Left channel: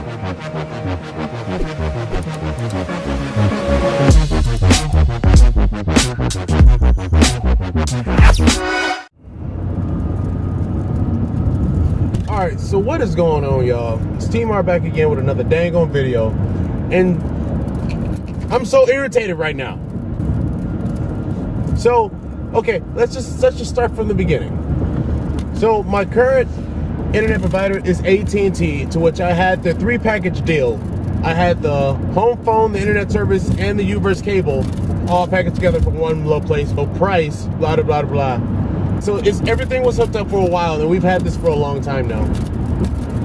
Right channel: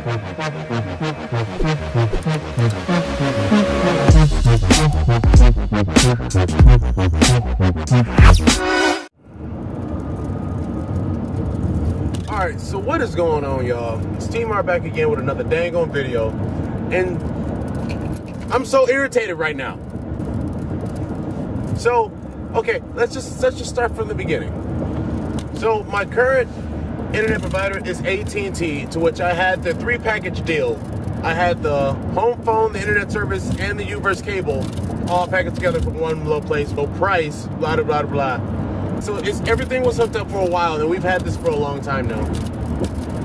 Alright, so what is going on, y'all? It's Team R back again with another dang on video, and I'm so irritated right now. So, okay, let's just start from the beginning. So, my current internet provider is ATT, to which I had the 3-package deal. I had the home phone, the internet service, and the U-verse cable all packaged together for one low place, low price, blah, blah, blah, blah. So everything was hooked up for a while, and we've had this for a long time now.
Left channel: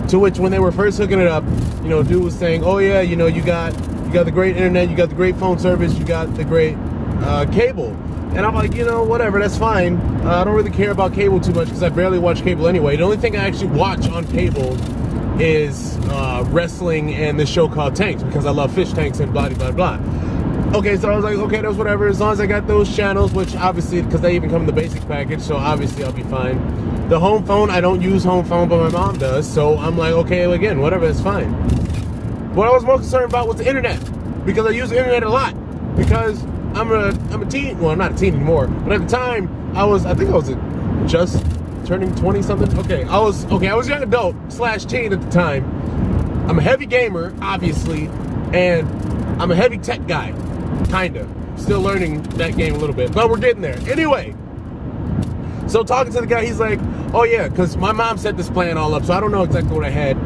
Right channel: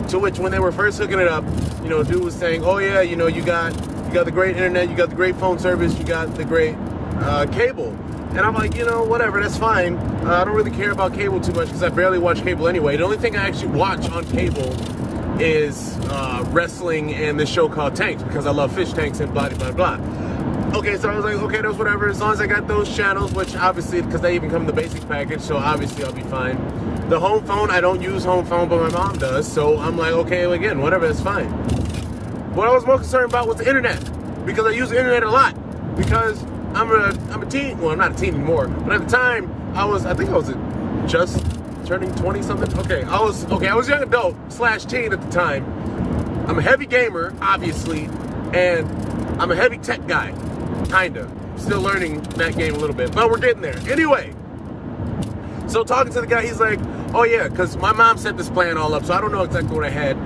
To which, when they were first hooking it up, you know, dude was saying, oh yeah, you know, you got the great internet, you got the great phone service, you got the great cable. And I'm like, you know, whatever, that's fine. I don't really care about cable too much because I barely watch cable anyway. The only thing I actually watch on cable is wrestling and this show called Tanks, because I love fish tanks and blah, blah, blah. Okay, so I was like, okay, that's whatever, as long as I got those channels, which obviously, because they even come in the basics package, so obviously I'll be fine. The home phone, I don't use home phone, but my mom does, so I'm like, okay, again, whatever, that's fine. What I was more concerned about was the internet, because I use the internet a lot, because I'm a teen, well, I'm not a teen anymore, but at the time, I think I was just turning 20 something. Okay, I was a young adult / teen at the time. I'm a heavy gamer, obviously, and I'm a heavy tech guy, kinda. Still learning that game a little bit, but we're getting there. Anyway, so talking to the guy, he's like, oh yeah, because my mom set this plan all up, so I don't know exactly what I had,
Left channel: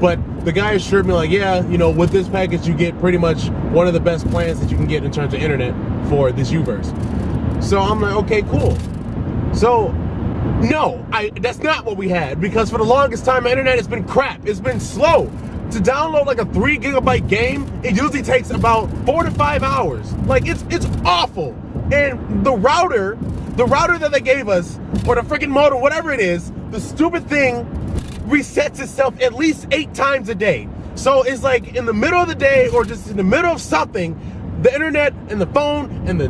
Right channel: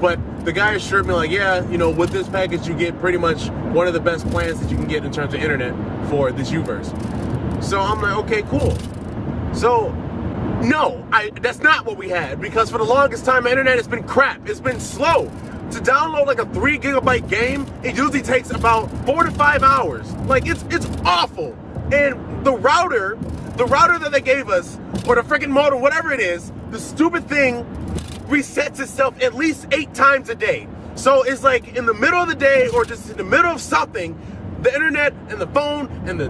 but the guy assured me, like, yeah, you know, with this package, you get pretty much one of the best plans that you can get in terms of internet for this U-verse. So I'm like, okay, cool. So, no, that's not what we had, because for the longest time, my internet has been crap. It's been slow. To download like a 3 gigabyte game, it usually takes about 4 to 5 hours. Like, it's awful. And the router that they gave us, or the freaking modem, whatever it is, the stupid thing resets itself at least 8 times a day. So it's like in the middle of the day, or just in the middle of something, the internet and the phone and the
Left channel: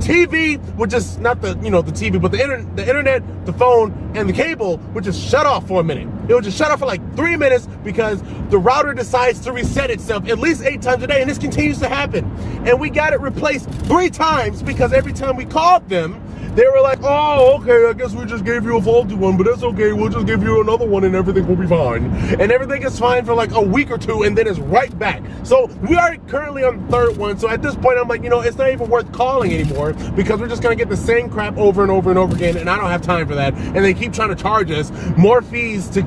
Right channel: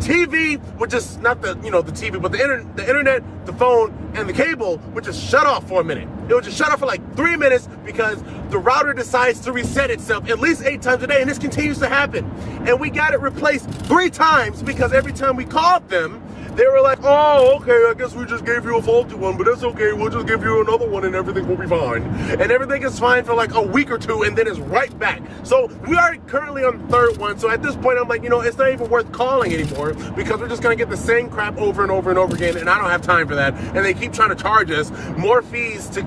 TV would just, not the, you know, the TV, but the internet, the phone, and the cable would just shut off for a minute. It would just shut off for like 3 minutes because the router decides to reset itself at least 8 times a day, and this continues to happen. And we got it replaced 3 times because every time we called them, they were like, oh, okay, I guess we just gave you a faulty one, but that's okay, we'll just give you another one and everything will be fine. And everything is fine for like a week or 2, and then it's right back. So we are currently on the 3rd one, so at this point I'm like, you know, it's not even worth calling anymore, because we're just gonna get the same crap over and over and over again, and I don't have time for that. And they keep trying to charge us more fees to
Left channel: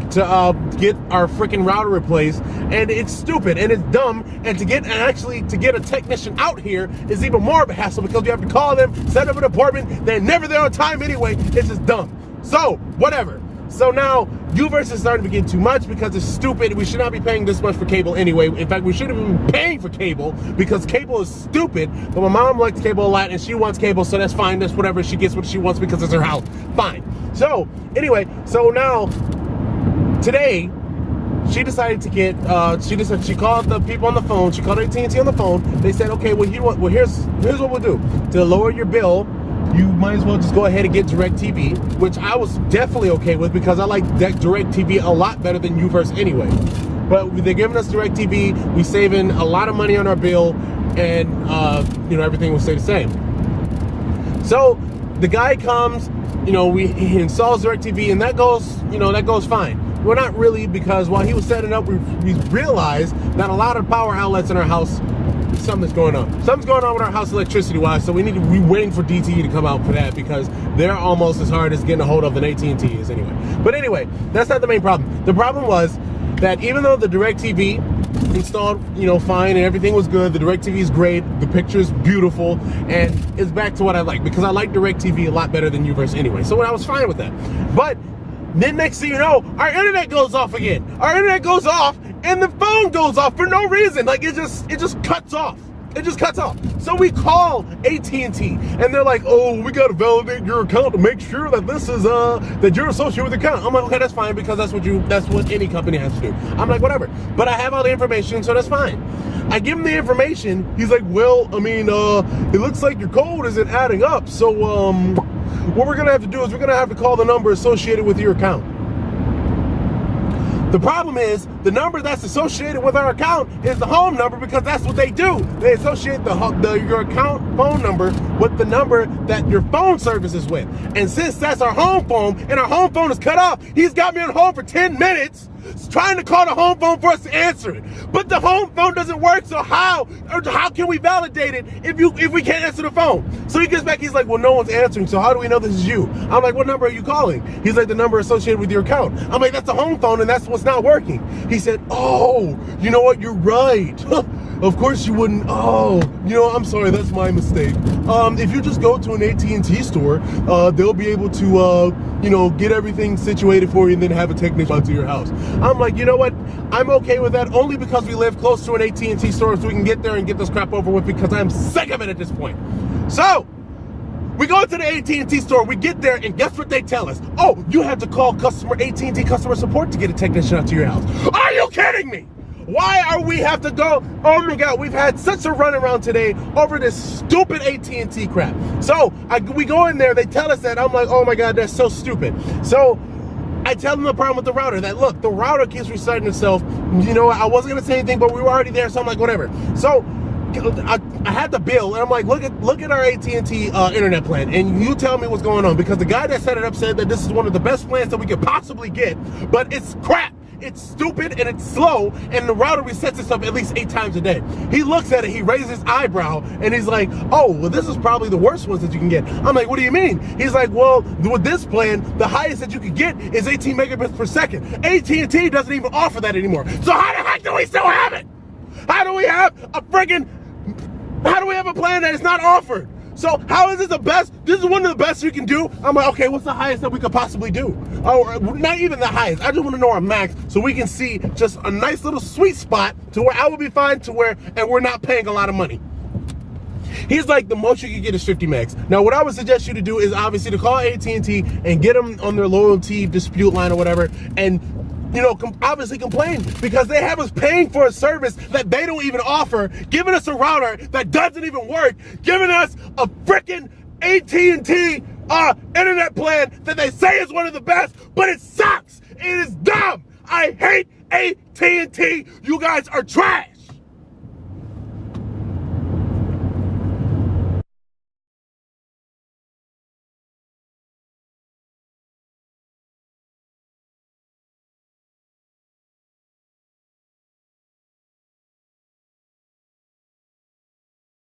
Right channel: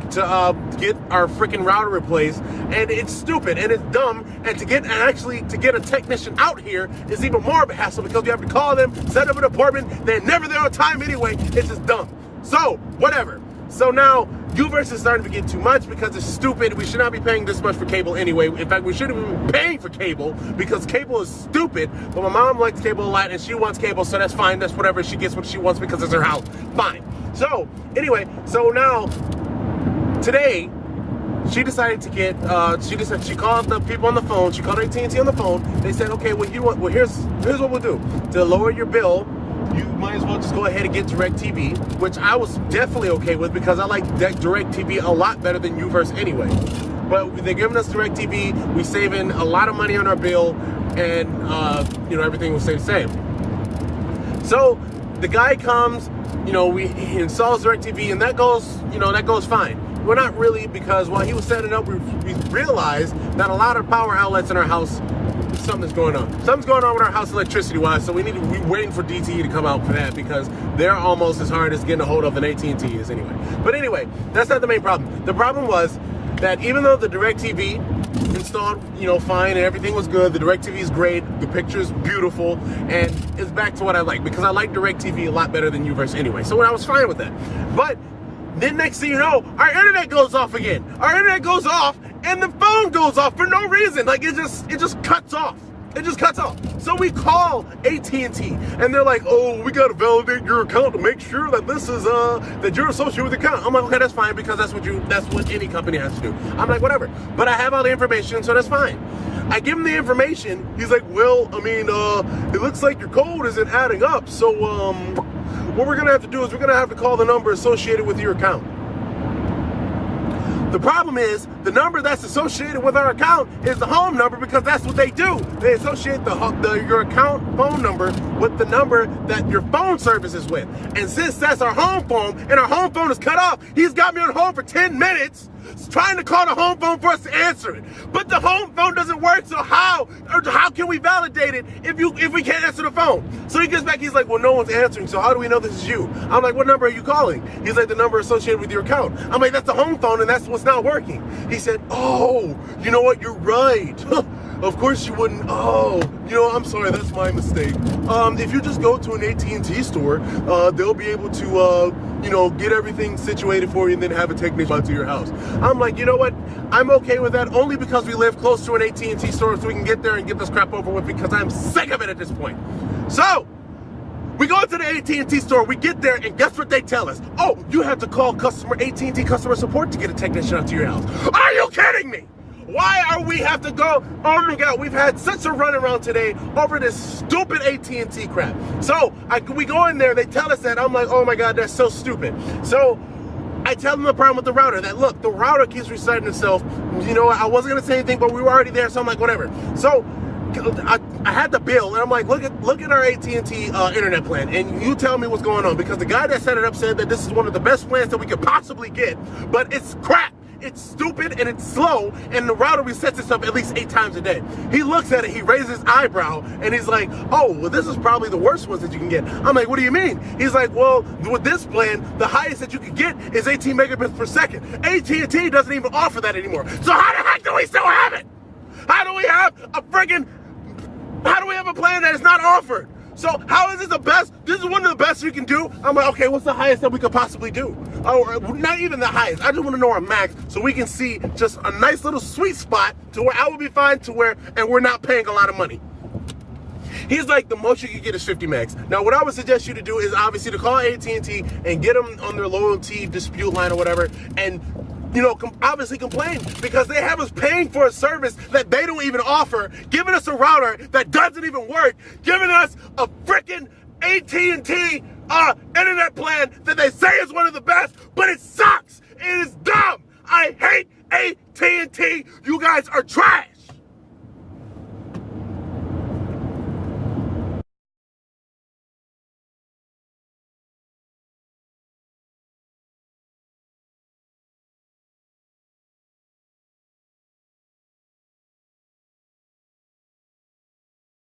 get our freaking router replaced, and it's stupid, and it's dumb, and to get a technician out here is even more of a hassle, because you have to call them, set up an appointment, they're never there on time anyway. It's just dumb. So, whatever. So now, U-verse is starting to get too much because it's stupid. We should not be paying this much for cable anyway. In fact, we shouldn't even be paying for cable because cable is stupid. But my mom likes cable a lot and she wants cable, so that's fine. That's whatever. She gets what she wants because it's her house. Fine. So, anyway, so now, today, she decided to get, she called the people on the phone. She called AT&T on the phone. They said, okay, here's what we'll do. To lower your bill, you might as well just go ahead and get DirecTV, which I was definitely okay with because I like DirecTV a lot better than U-verse anyway. But they're giving us DirecTV, we're saving a lot of money on our bill, and you know, everything will stay the same. So the guy comes, you know, he installs DirecTV, and that goes fine. We're not really, because while he was setting up, we realized that a lot of power outlets in our house, something's going on. Something's going on with our house electricity-wise, so we're waiting for DTE to come out for that, because they're almost as hard as getting a hold of an AT&T is anyway. But anyway, that's not the main problem. The problem was that even though the DirecTV installed, you know, fine, and everything was good, the DirecTV is great, the picture's beautiful, and it's back to what I like, because I like DirecTV a lot better than U-verse anyway. So I was fine with that. But then next thing you know, our internet goes off again. Our internet goes off, and the phone goes off for no reason. Like, it just cuts off. It just cuts off. So we call AT&T, and they're like, oh, we gotta validate your account to make sure that this is that you're associated with the account. I'm like, okay, that's fine, because that's what any company has to do. I'm like, whatever. But I have all the information, so that's fine. I give him the information. He's like, well, I mean, it looks like your code isn't adding up. So what we're gonna have to do is we're gonna have to call the number associated with your account. The problem is the number that's associated with our account is the home number, because that's what they do. They associate your account phone number with the number that your phone service is with. And since that's our home phone and our home phone is cut off, he's got me on hold for 10 minutes trying to call the home phone for us to answer it. But the home phone doesn't work, so how can we validate it if we can't answer the phone? So he gets back, he's like, well, no one's answering, so how do we know this is you? I'm like, what number are you calling? He's like, the number associated with your account. I'm like, that's the home phone, and that's what's not working. He said, oh, you know what, you're right. Of course you wouldn't. Oh, you know, I'm sorry, that's my mistake. If you just go to an AT&T store, they'll be able to, you know, get everything situated for you and then have a technician come to your house. I'm like, you know what? I'm okay with that, only because we live close to an AT&T store, so we can get there and get this crap over with, because I'm sick of it at this point. So we go to the AT&T store, we get there, and guess what they tell us? Oh, you have to call AT&T customer support to get a technician out to your house. Are you kidding me? Why are we have to go? Oh my God, we've had such a runaround today over this stupid AT&T crap. So we go in there, they tell us that. I'm like, oh my God, that's so stupid. So I tell them the problem with the router, that look, the router keeps restarting itself. You know, I wasn't gonna say anything, but we were already there, so I'm like, whatever. So I had the bill, and I'm like, look at our AT&T internet plan, and you tell me what's going on, because the guy that set it up said that this is one of the best plans that we could possibly get, but it's crap. It's stupid and it's slow, and the router resets itself at least 8 times a day. He looks at it, he raises his eyebrow, and he's like, oh, well, this is probably the worst ones that you can get. I'm like, what do you mean? He's like, well, with this plan, the highest that you can get is 18 megabits per second. AT&T doesn't even offer that anymore. So how the heck do we still have it? How do we have a plan that is not offered? So how is this the best? This is one of the best you can do. I'm like, okay, what's the highest that we could possibly do? Oh, not even the highest. I just want to know our max, so we can see just a nice little sweet spot to where I will be fine, to where, and we're not paying a lot of money. He's like, the most you can get is 50 megs. Now, what I would suggest you to do is obviously to call AT&T and get them on their loyalty dispute line or whatever, and you know, obviously complain, because they have us paying for a service that they don't even offer, giving us a router that doesn't even work, giving us a freaking AT&T internet plan that they say is one of the best, but it sucks. It is dumb. I hate AT&T. You guys are trash.